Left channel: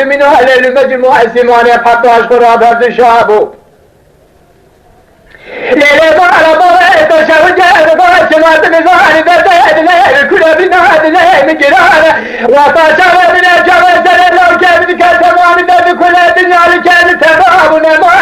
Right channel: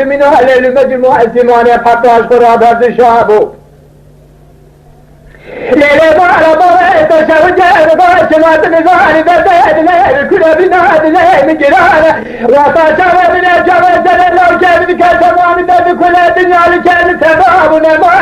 من أهل المجموع الثمانية حتى أشكر هذا الشعب ليلة على ضريت شوجة ضريت ما تنزاني بدأت ليل كل بناد ليل جرانة وطاشا من الجبل سنة لو كان كسمان من كل الدنيا لكان تباب نما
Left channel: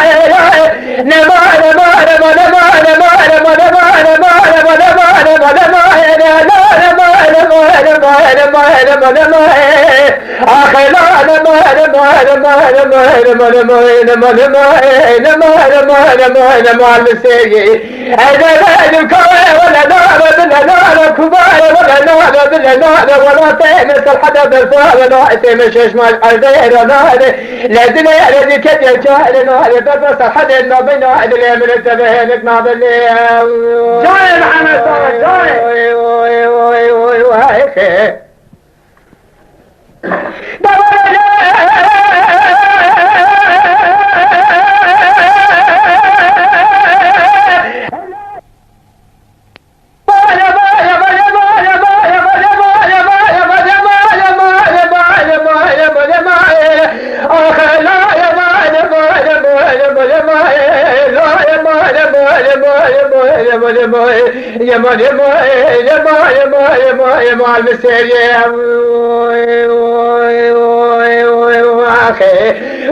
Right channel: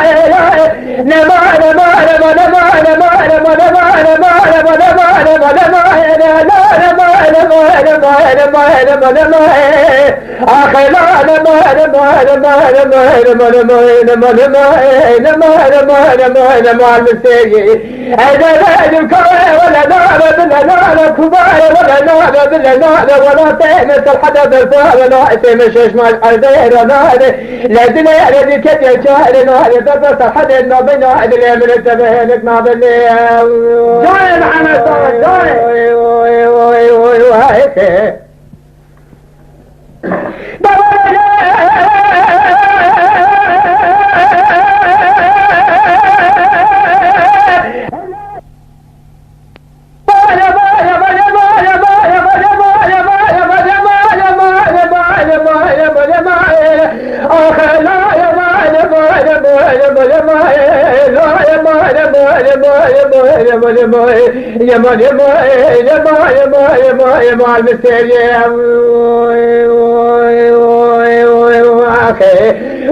ولا تأمس الحدث الفاضل مشيش مال الغير نادي لازم الذي كتب شهر نادي بس الحدث ما بين نادي من التبهنك نادي جاي محمد صالح جاي يا المسيرية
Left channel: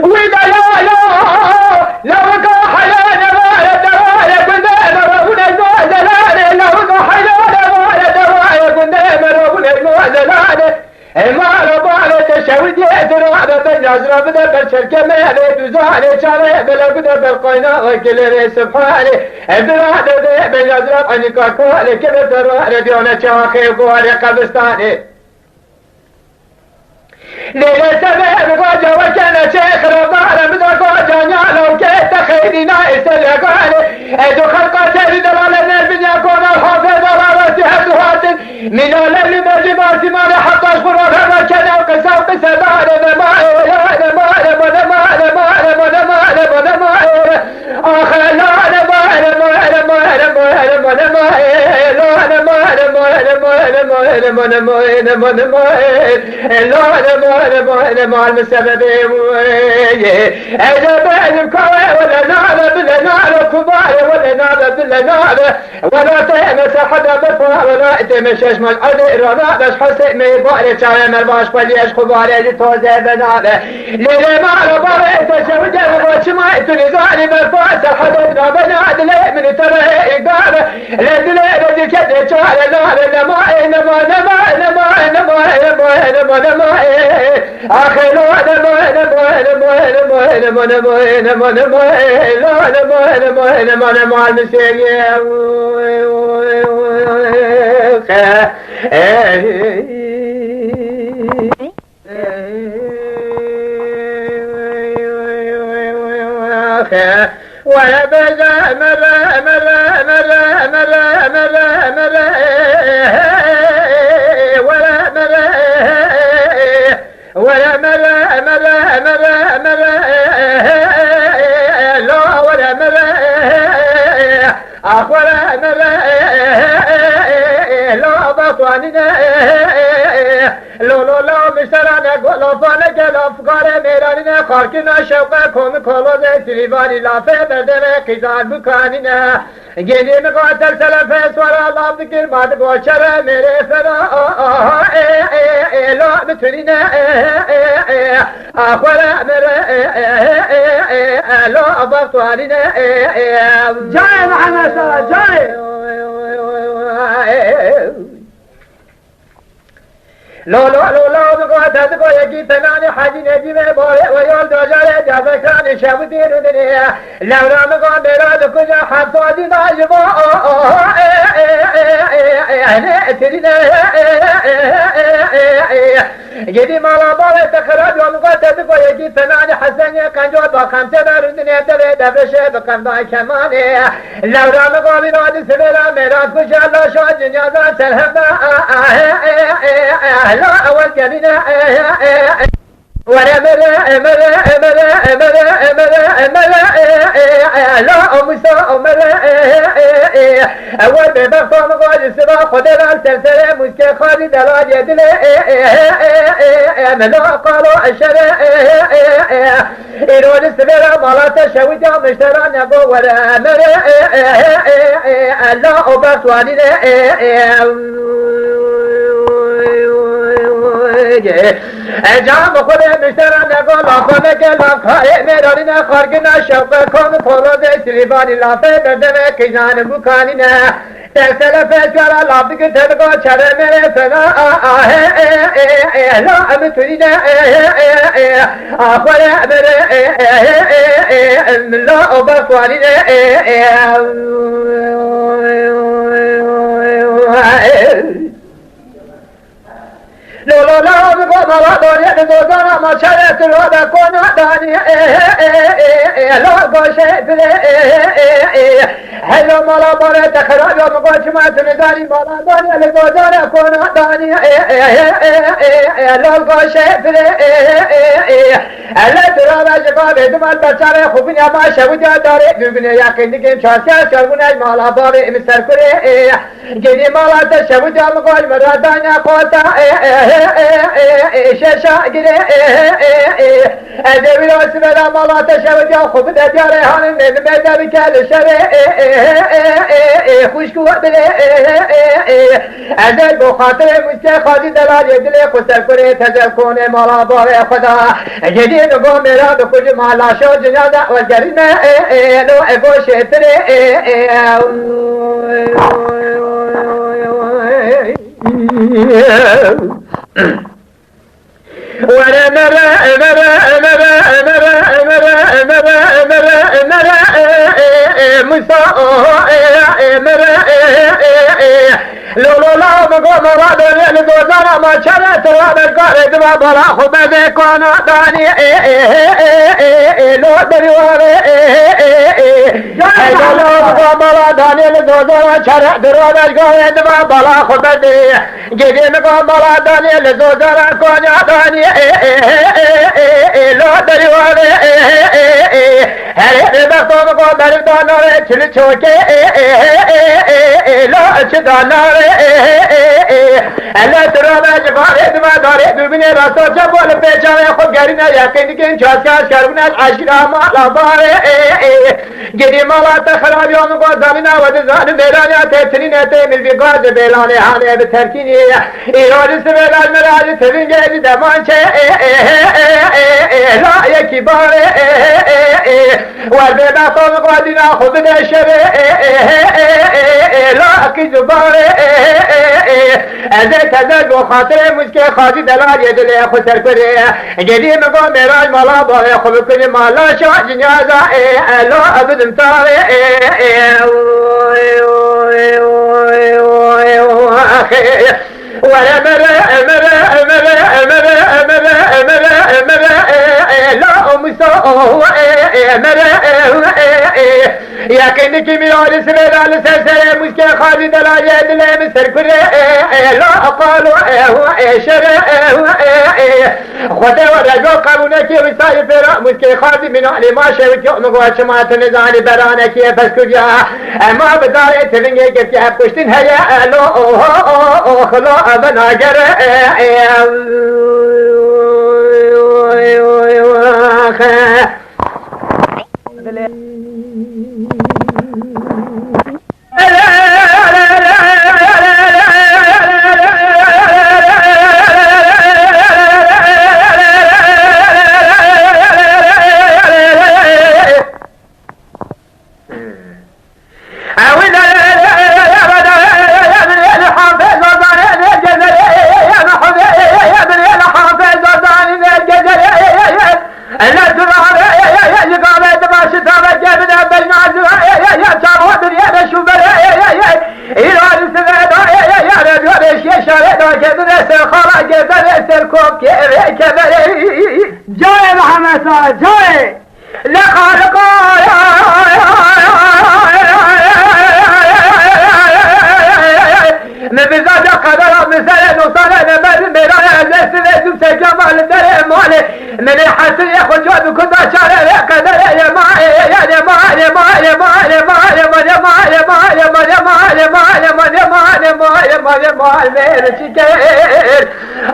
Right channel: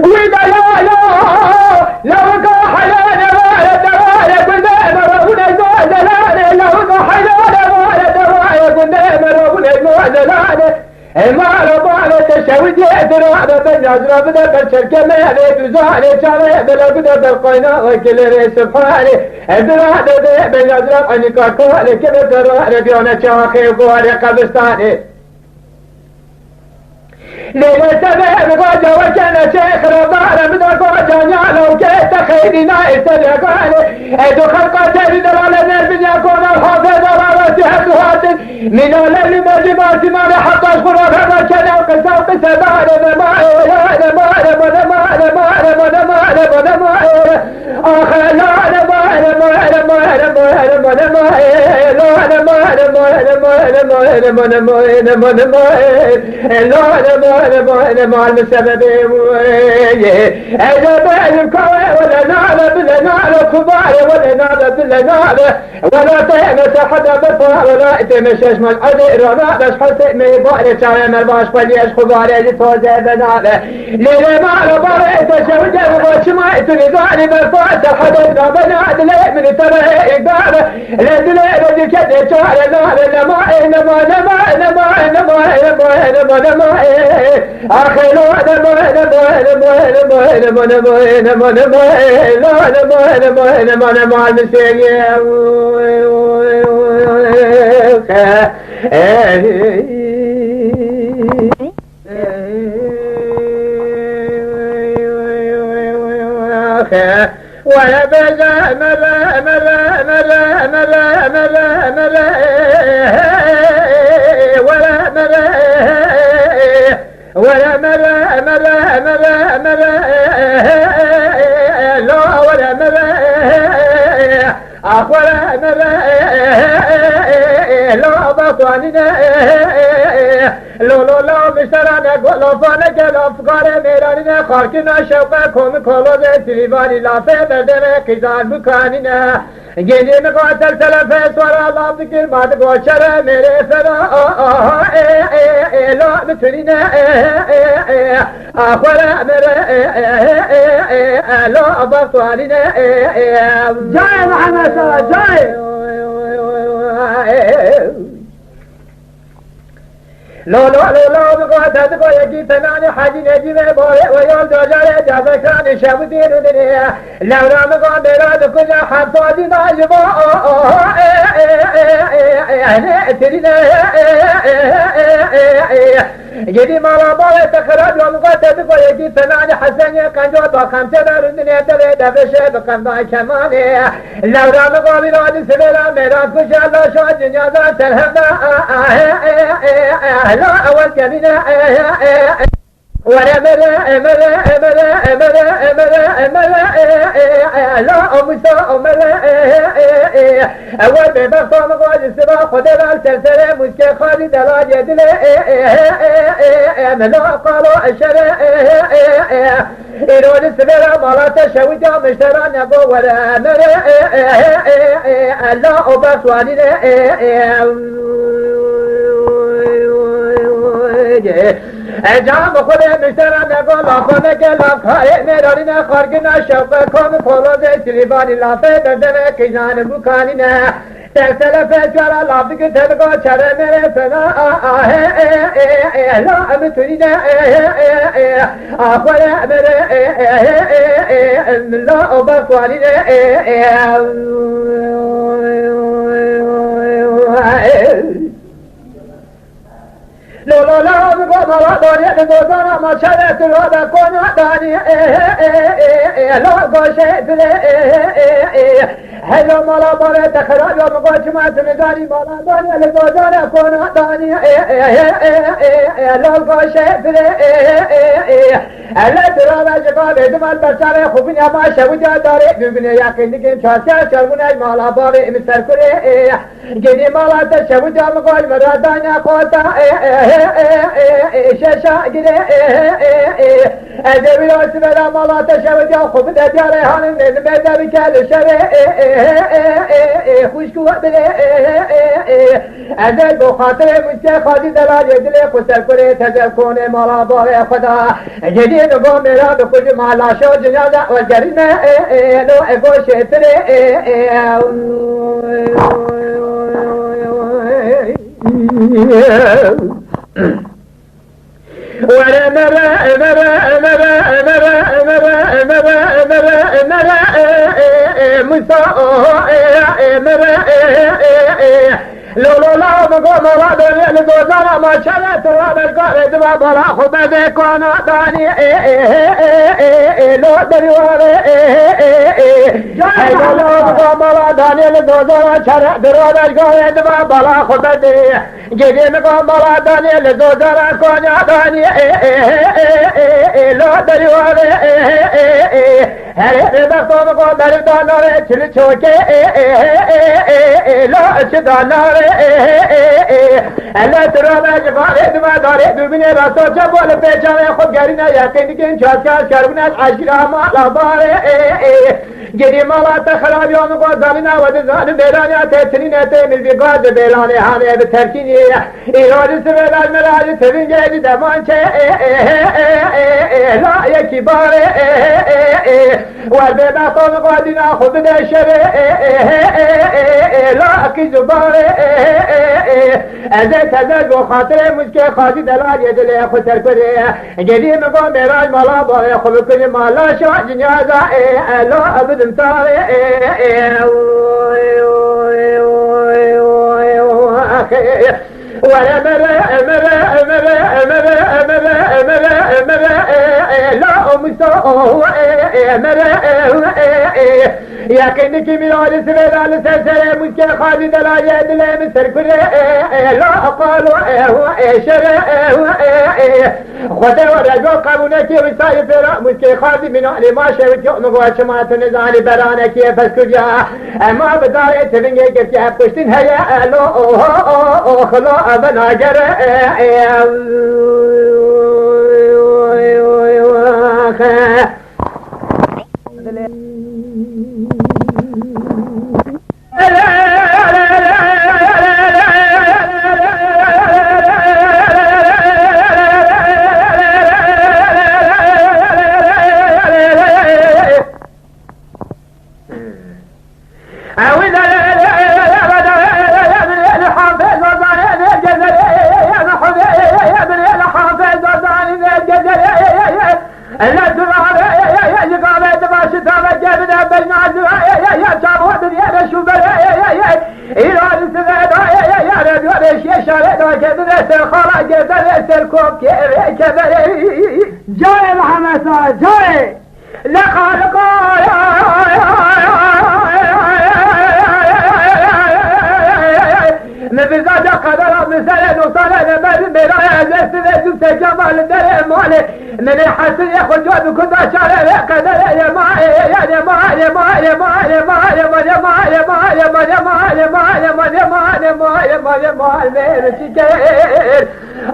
وإذا لو حيانا ما يدرى قدام ربنا المعدلان لو حيانا ما يدرى قدام ربنا المعدلان ما ربنا تشوي يدرى بالنظر بدا بالشركة ما بزاني شارع بلا بدا بالقينا وكل سبحانه بلا بالنظر عنك كل كل ترى ديونا شاخي وقولي قبستاني ليلة سبب قاجة وكان شيخ رمضان من قاجة نعلو كيف تخيلنا يسلقاني ادو خلقات دلالة من يكون الحافظ رارتها دهات من الليل مجمع سمان حتى اشبر هذا كان القسام قسمان نمائي مع المسبب أجاب الكوي ولا نعلى بلا نعلى كبار ولا نعلى بلا نعلى ولا تهنس حدا بفا ولا تمشيش مال عذير ولا بس حسين ميباري شايم الباش فليش خباري لتوزي بنعلى ليلة معنا باري تشوجة وشماء تنزاني بالفاس حدا بنعد ليه من ترى إقامة لدليل دي كده شعر نعلى نمائي أخي مع المسيح ولا بلا لا بطوانينا لو مسترانا قولو فانك الافقار ميرانينا خاركنا شوقا كوم كولو ذي تريباني لافه بردنا قيزان بكانينا جيني مقاتل سلفه سورا الله بكر بعد قوشر میرے فدا لا بترينا آخر میرے لا بطوانينا جاي محمد صالح جاي لو بقاتت قويكي فناني حاجي نجيب بوري ويول دوجاري جابكاني شابتي ردنيا لو رام قاندرا دكجا حبصادي ناجبا ترينا جدي مالا بوري تخرج لو بقاتت قويكي فناني حسني كنجو باقام تدارندنيا تبي دفشه بقام باي كماني لو رام قابلنا دي سبيلا ميراث كشا الله شو جنيازا سلهمنا لا أول كمينة ولا ملا لا أمسا ملا أول ببقى مقال السبا خدر السلسلة مسكي خالد الاد يدل ملا قالوا الشرع إيرون السبيل مالا تشويدا مشتران يقو ولا ملا لا أبسواني جام خود مشتران نقول آخونه که لافه میرانینا خارگنا شوقه کن پروز سریبانی لافه دردمه کجان بکانینا سلسله فكر لابد تبقى شرم فنا لا بتريد اخر لا بقوالي لا لا لا بقى دنيا دوزانا ما شرت لا بكون داني لا قشيت هلا مالا بره تخرج يوم قاش ما تنزاني مالا دنيا لدوزانا كون داني لا قشيت هلا ترى جبال دمال بچاره خوبني ما شوجا داره ببني يقين كم شاسيا شربنا مالا بره مستر كره جدي مالا تشوجا مقال مرادانا قوتا شاشا گره ادبی راست بلا مالا تشوجا خوب داره هانم مدبی کل شره خوشکو بله ادب بخاطر مجد خاضی دلال دل خسر کنه تزل کنه مالا باره خدا جدی نگو میرا بکج مالا شو جنازه و جریمه لو ابو شتره وانا لو لا بقوم مراد لدوزانا ما شرت راد القارد ما بلا خبز كوانا داني لو دريواني لو بقوم مراد داني لدوزانا شرت راد القارد ما بلا خبز جدي بقوم مراد داني لدوزانا كوانا داني لو دريواني هل بقوم بقوم داني چل چوكي لا چدانا الله ترى جبارة ما داره ببینه راستو جبال پیچاره خود گرینه یقینی که این چاسکاش کرونه عشقا مالا باره گری مالا تخرابی آمگو زمینه و دزان بیلانی تیتنین تیمیل بی گاز بیلانی هانه بترکینی ایرانی سبیلان مراجی تبین گیدی دمانچه لا یکی باره والبیبه خوب دینا خوب دشبه لا کی زباره ازه تزد و خاطر مسکه خاضی دلال یدل خسر کنه جدی مگو میراج مالا باره خوب کنه مالا شا جنازه لا ابدم تاره ولا لا مسوء يقين كي ميال سبيل سلسلة مسكين خالد لا يد لا مسر كره لا قالوا شر خدا ورجو قانونك وساي فرا مسكين خالد من علي ما شوك يوم قوات ما تنزاني برانك بس كجا ما بدار تلنجي كيف يحبشتن هيا لا خلا بناجر جاي محمد جاي لا خالق مبزاد قدر مثل نصال نمر مرايا زيت جمال در مال من حسن ياخذ جواب كذا شارع قدر يا ما يا ما يا ما يا ما يا ما يا ما يا ما يا ما يا ما يا ما يا ما يا ما يا ما يا ما يا ما يا ما شكر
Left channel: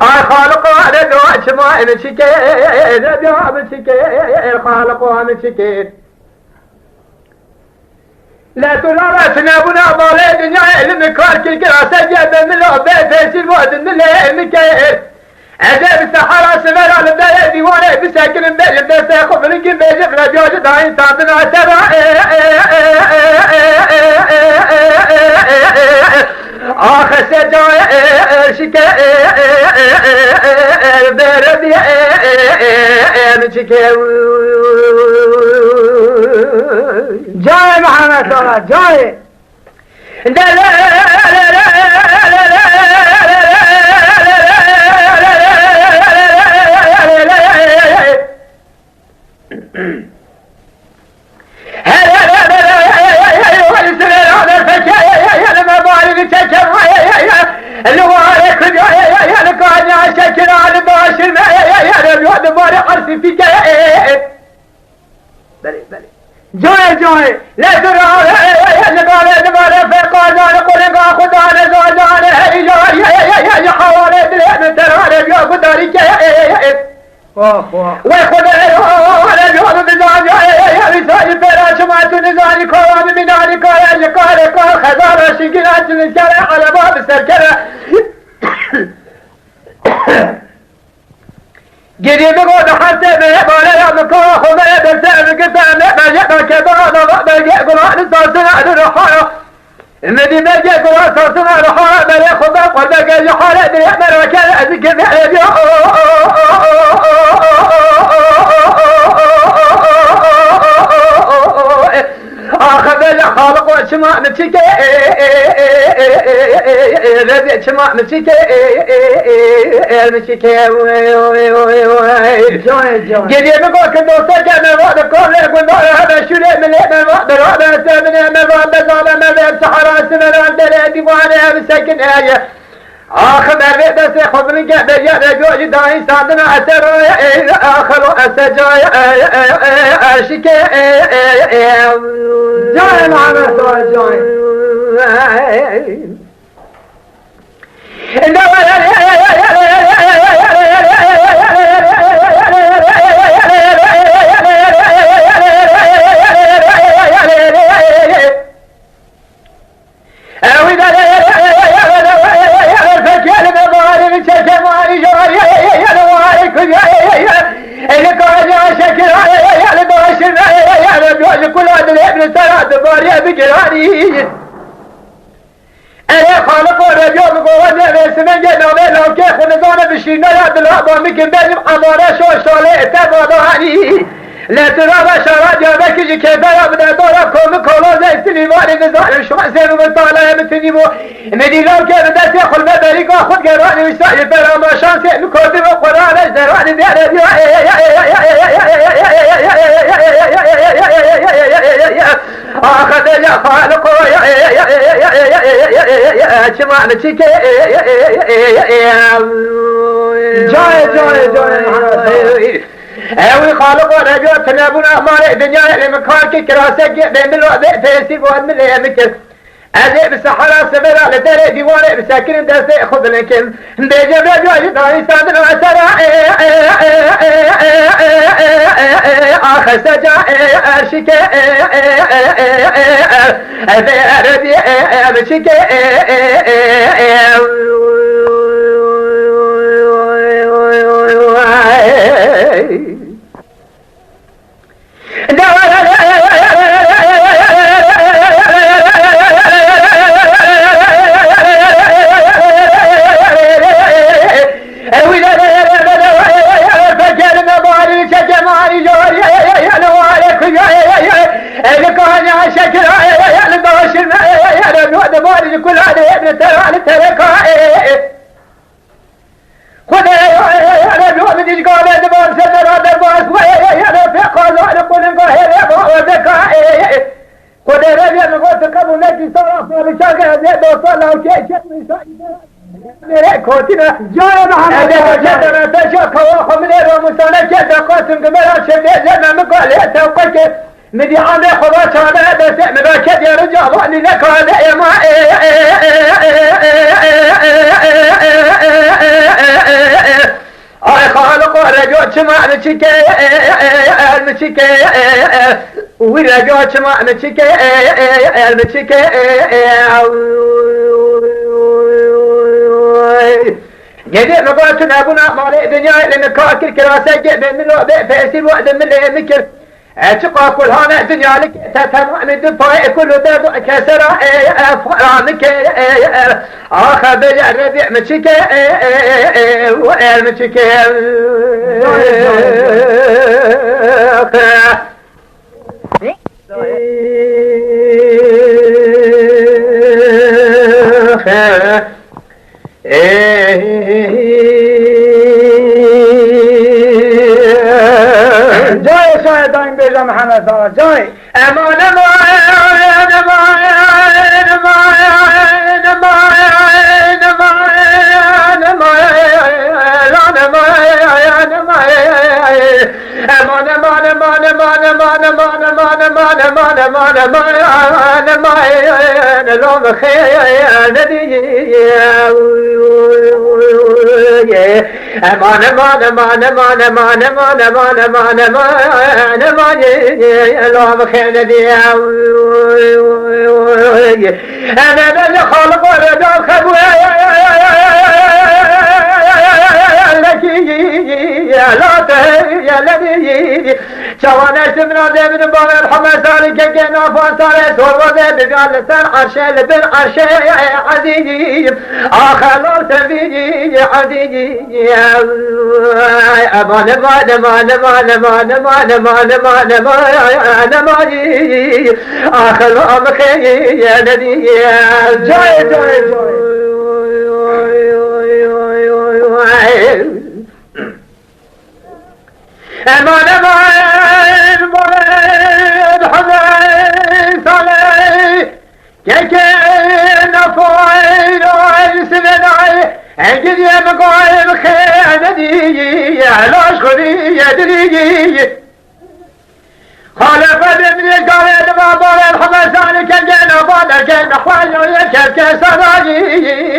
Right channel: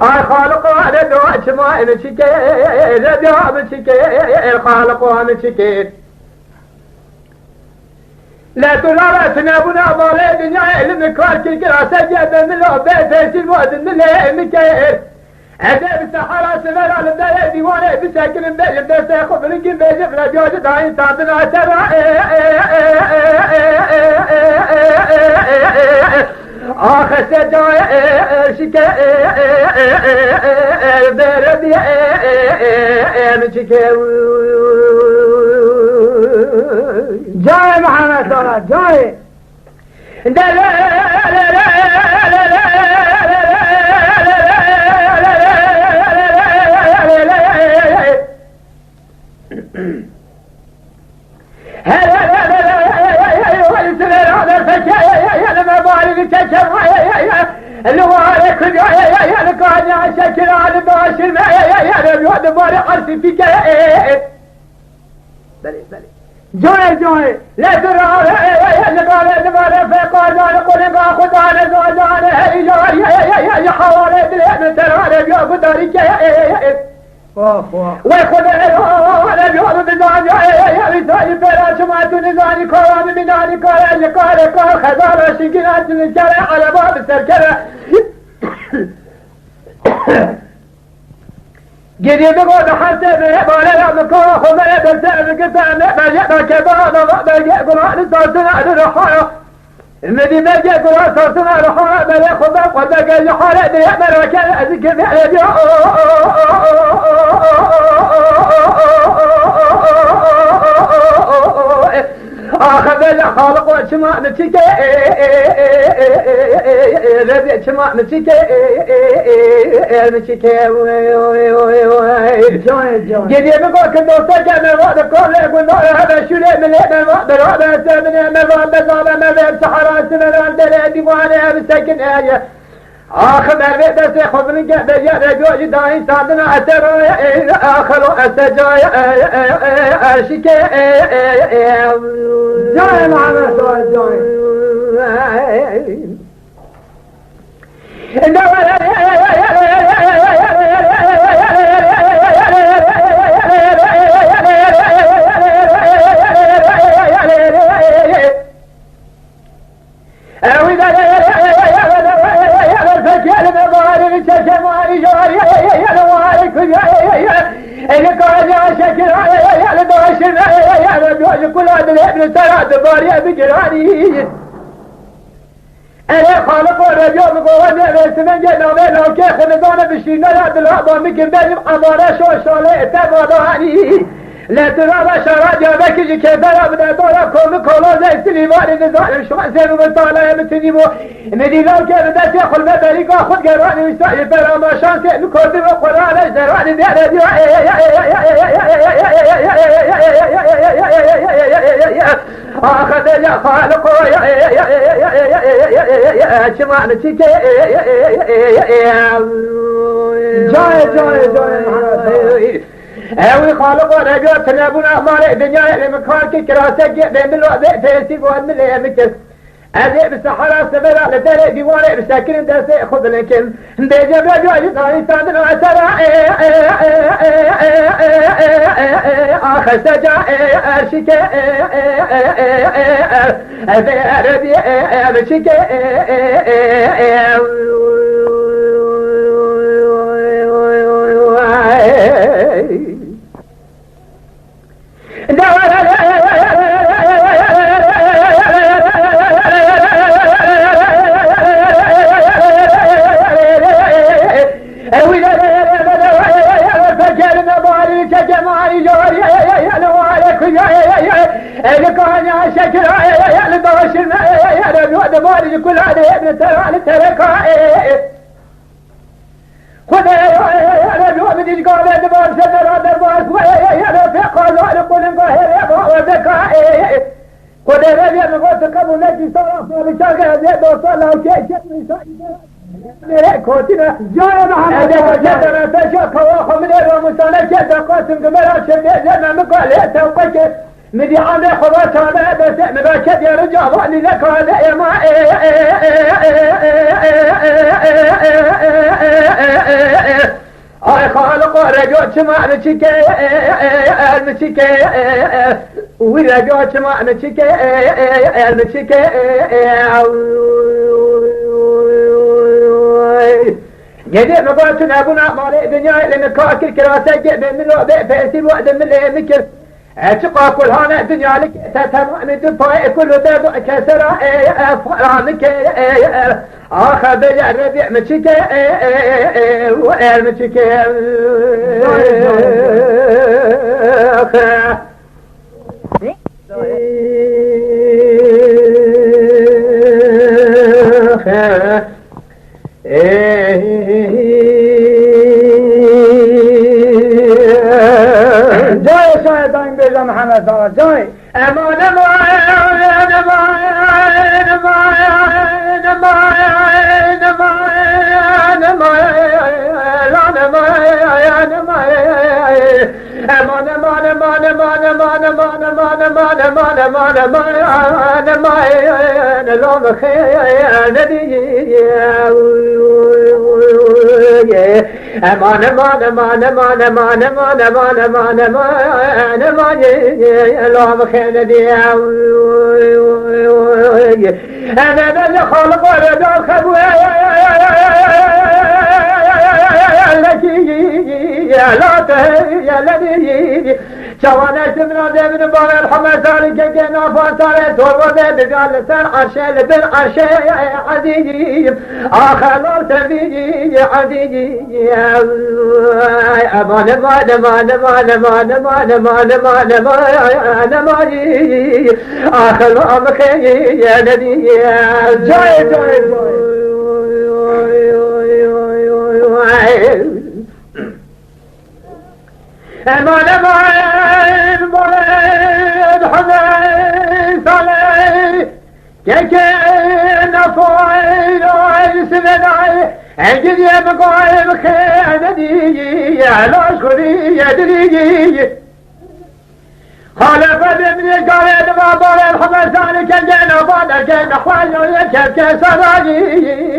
الخالق على دواش ما شكر دوام شكر الخالق على شكر لا ترى سنابنا مالي دنيا المكار كل كراسة جاب من لو بيت سلوات من المكير أجاب السحرة سمر على الداية ديوانه بساكن بيجب دسته خبرك بيجب رجوج داين تابنا سبا آخر سجاي شكا بردي مشكا جاي محمد صلاح جاي جاي جاي لا ترى نقال فقانا نقول خدانا زادانا يا حوالي دلنا ترى يا قدرك وخذ وانا اليوم بزاج يا رسال فراش ما تنزاني كوام من ذلك يا قال خزانه شقنات من شارع على باب السركره قريب قد حتى ما يا مكاح وما يدرسان قسام ما يبقى كذا ما يقول عن صوتنا الرحايا المدينة يقول عن صوتنا الرحايا ما ياخذ قلبك يا حالة يأمر وكان أذكر آخذ الخالق وشماء نتشكي ربي شماء نتشكي نتشكي قديم يقول كدوسة جانا وعد كل يقول هذا شو ليه من هذا سامنا من بزالة من سحرات من عندنا ديوانها بسكن آية آخر مرة بس خبرك بيجا جوج داين صادنا أثر آخر أسجاي أشكي جاي محمد صلاح جاي كل هذا الابن ثلاث بارية بجراني أنا خالق ورجال قوة بسمن جنابه لو كي خلدان بشينا يا دلابا ممكن بينهم أمارة شو شالي تباداني لا ترى بشارة جابك جي كذا يا بدأ دورا كوم كولا زي سليماني نزال شو حسين ومطالع متنيمو مدي لو كي بدأ سيخل مدريكا خد قراني ويسائل فرما شانسي مكودي وقراني زراني بيانا آخذ يا خالق شمع نتشكي جاي اوي خالق ورجو تنابنا مالي دنيا لمكانك كراسك بين الوقت تيسي وان من يمكن أذي بسحرة سبرا لتري ديواني بساكن دسي خذ لكن بيجب رجو يدعي سادن وسرا آخر سجا أرشك أذي أردي أبشك كل هذا ابن ترى خذ يا رجل بدي قال هذا ما سنر هذا ما يا رب قال انا قول ان هذا ما ذكاء خذ يا رجل قلت قبل نجي صراحه بشاغل هذا وصل او شيء كوتنا جاي محمد هذا تشاك وخمن ومسانا كذا قاسم قبل شيء لما مقال يا توقك مدي عامل خلاص هذا بس مباكد يا رجال واني ذاك هذا يا ما اي خالق رجوت سمع نشكي المشكي ورجوت سمع نشكي المشكي قديم قلت ابونا مالي دنيا لنكاكل كراسه من الوضع فاسير وعد من المكر اتقى كل هنا دنيا لك تتمع من دفاع كل دفع كسر فرامك اخر بالربيع مشك والمشك جاي شاي داين بيجا محمد صار جاي امان انا اللي خلق ولد الخبوة لك يا لا يا الذي شوانا سمنا من باب الحمد صار كنا فصار صور وذا قال سر عرشه بالعرشه عزيزي اخر تبيجي عزيزي امان ما ما ما ما ما ما ما ما اخر امخي يا نبي جاي جاي امان امان مرد حمد صالح كيكين فويل وعيسناي انجد يا مقايم خياندي لا شغلي يدري خالف بابني قال ما بال الحمد صالح كان بالا كان خوالي كان سراجي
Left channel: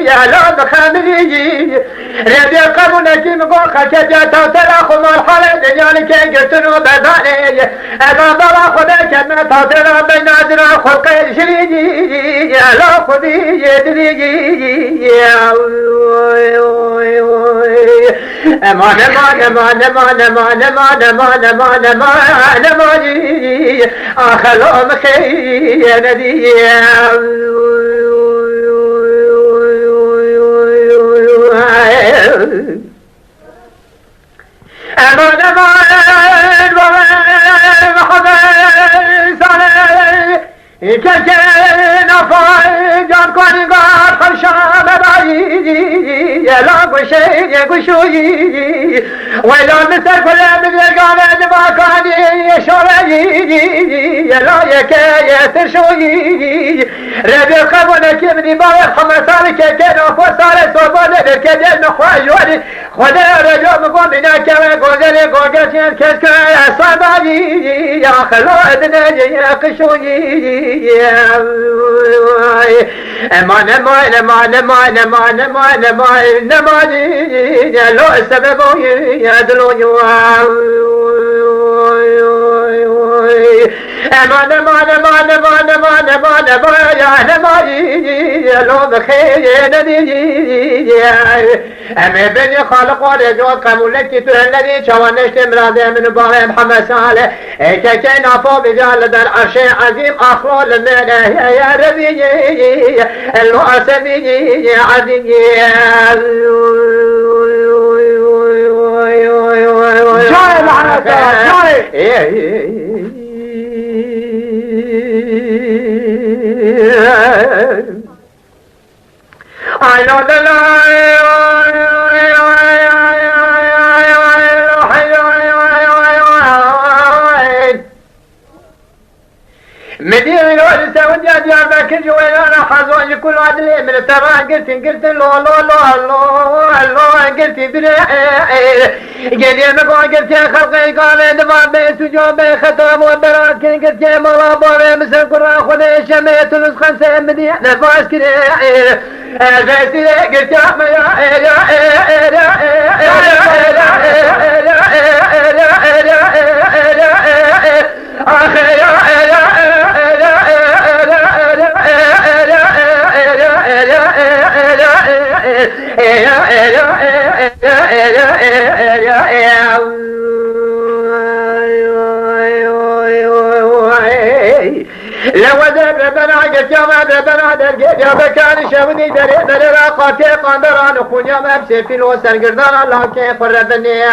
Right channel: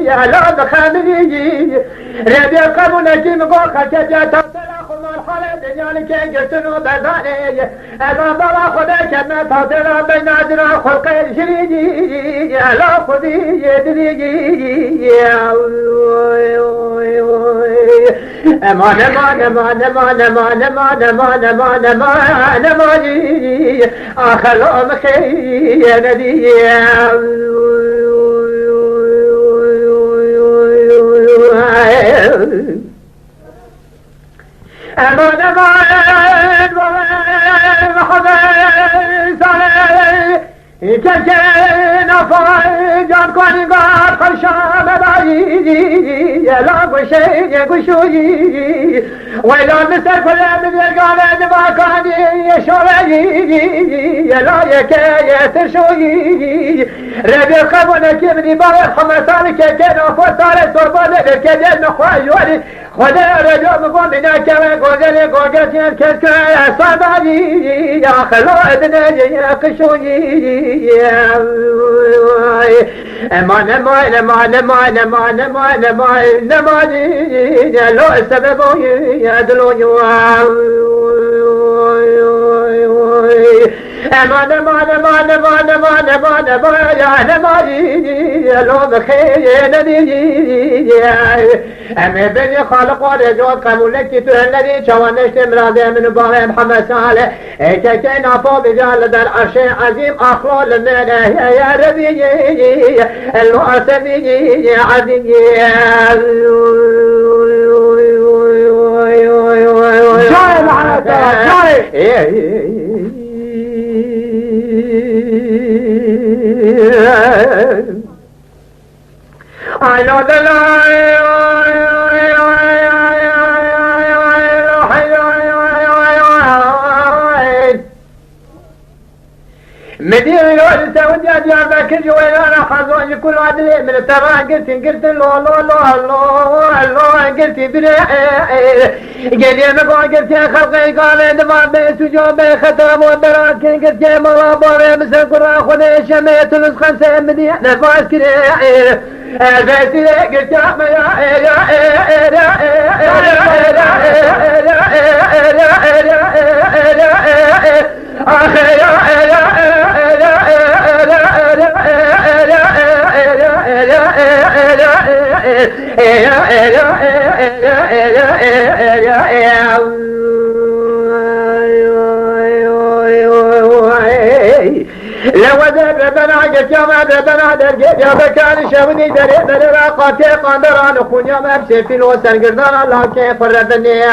يا لا خامري ربي قبولك مقوخة كجاتا تراخو مرحلة دجالي كي قلتنو بذاني انا بلا خدك ما تطرا بنادرا خلقي شريجي يا لا خذي يدريجي امان امان امان امان امان امان امان امان امان امان اخلو مخي يا نبي امان امان محمد صالح كجنا فايجان كوني قاد خلشان بايجي يلا بشي يقشوي ويلا مسر كل من يقال ما كان يشوي يلا يكاي ترشوي ربي قبلك من باب محمد صالح كجنا فصالح صوبنا كجنا خواجوني خدا رجل مقوم بنا كما قوزل قوزل كسكا صباجي يا خلو ابن قشوي امان امان امان امان امان امان امان امان لو السبب يدلو امان امان امان امان امان امان امان يا نماجي لو بخير ندي اما بني خالق ورجوع قبولك الذي شوانشت مراضي من باب محمد صالح كينا فوق بجال در عرش عظيم اخوال من يا ربي الواسبي عظيم جاي لعنة جاي I know the مدير الورثة وجاد يا ذاك الجوال انا حظوج كل عدلي من الترى قلت لو لو لو لو قلت بلا قال يا مقع قلت يا خلقي قال دفع بيس وجوب خطاب وبراكين قلت يا ملا بوري مسك راخذ شميت ونص خمسة مديح نفاس كده فاسي قلت يا لو ذهب بناقة يوم بدنا درجة يا بكان شوني دري راقاتي قندران خونيا مبسي في الوسن قردان الله كيف ربني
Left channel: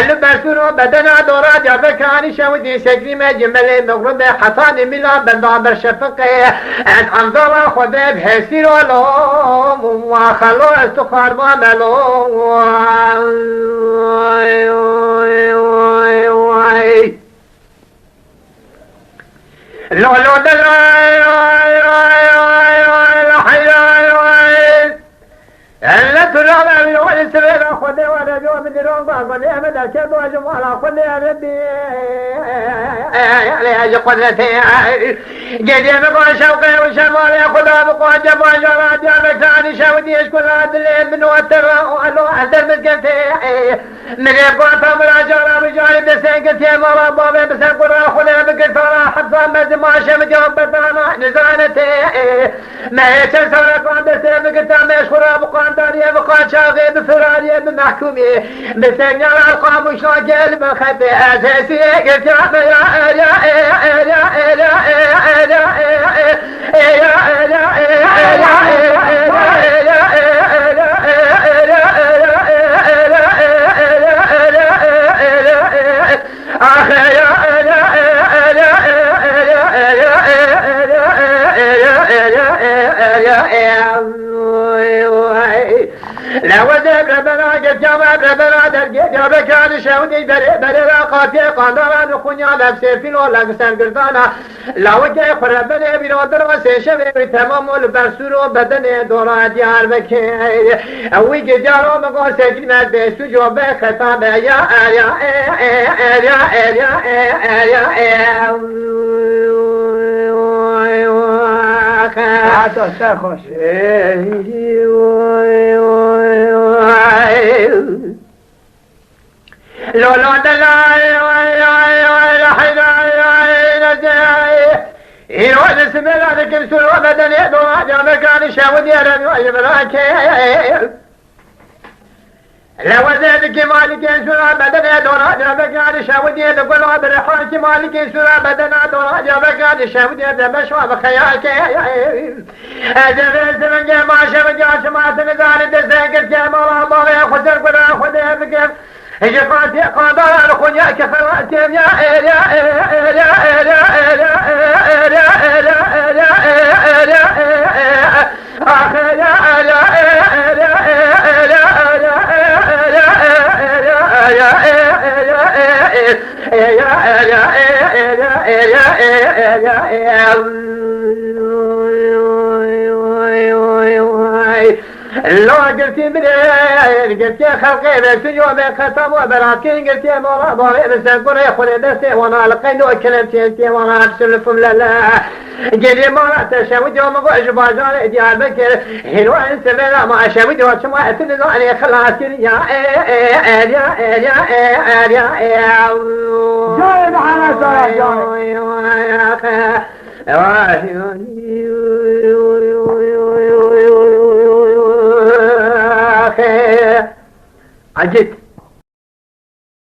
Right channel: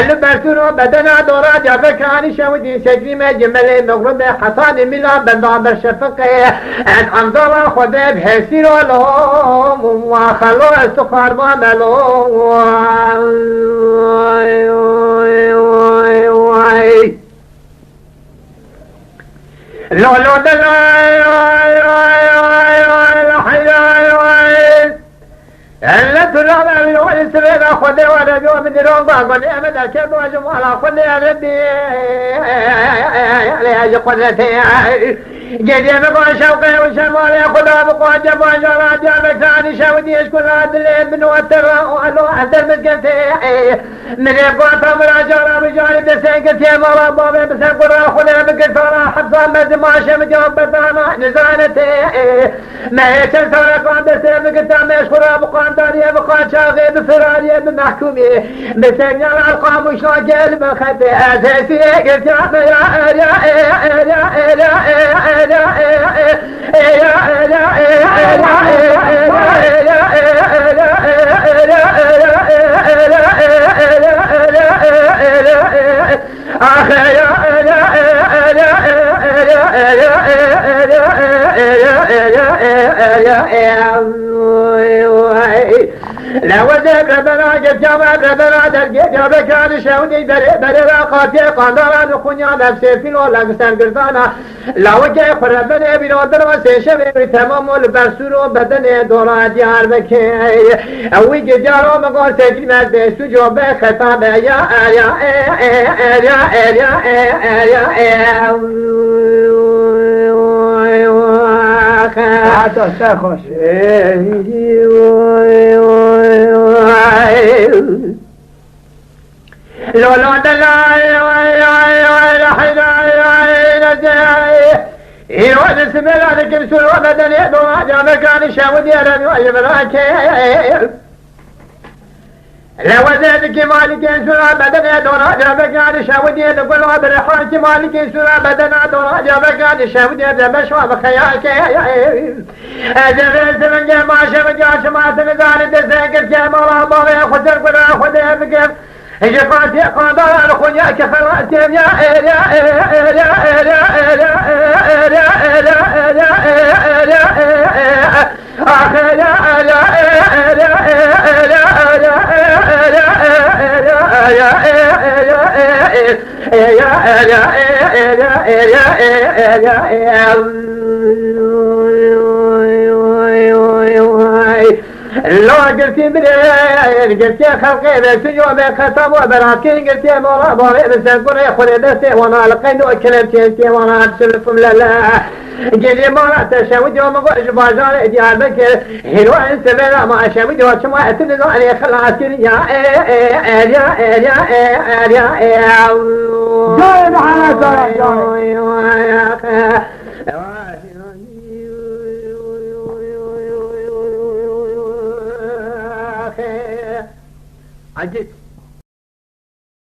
البسونو بدنا دورات يا بكان شوني سكري ما جملي مغرب حصان ميلان بندام برشفقي انظر خدب هسير ولهم وخلو استخار ما ملو لا لا لا لا ترى من وين سبب أخذ ولا جو من دون بعض أمد الكبر وجمال أخذ يا ربي يا جقدتي جدي مقال شوقي وشمال يأخذ بقوة جبال جراد يا مكان شودي يشكر هذا الليل من وتر وألو أحد مكتي من يبقى تمر جرى رجال بسنك يا مرا بابي بسنك أخذ بكثرة حفظ مد ما شم جنب بنا نزانتي ما يتسرق عند سيفك تام يشكر بقوة داري بقى شاغي بفراري بمحكومي بسنجل القام شاجل بخبي أساسي قلت لو ذهب بناقة جمع بنا درجة يا بكان شوني بري راقاتي قندران خونيا نفسي في الولنسان قردانا لو جاي خربني بنودر وسيشبه تمام البرسولو بدني دورا ديار بكي اوي جدارو مقول سيفي مدبستو جوبه خطاب يا حتى ساخش لو لا يوالي سبيل عليك السر وبدن يدوى جانا كان شاود يرن ويبراك لو زادك مالك سر بدن يدوى جانا كان شاود يدوى وبرحاك مالك سر بدن يدوى جانا كان شاود يدوى بشوى بخياك أجل سمن جمع شمجا شمعت نزال دسك الجمال الله خسر قدا خدا بكيف يقاتي قادر الخنيا كفرات لو قلتي بريد قلتي خلقي بسجو بخطب وبراكين قلتي مرا باري بسنكر يخلي بسي وانا لقينو كلمتي انتي وانا ابسلكم لا قلي مرا تشاود يوم قعج باجار اجيال بكر هلو انت بلا ما شاود وشما اتنزو اني خلاصين يا جاي معنا ترى عجبت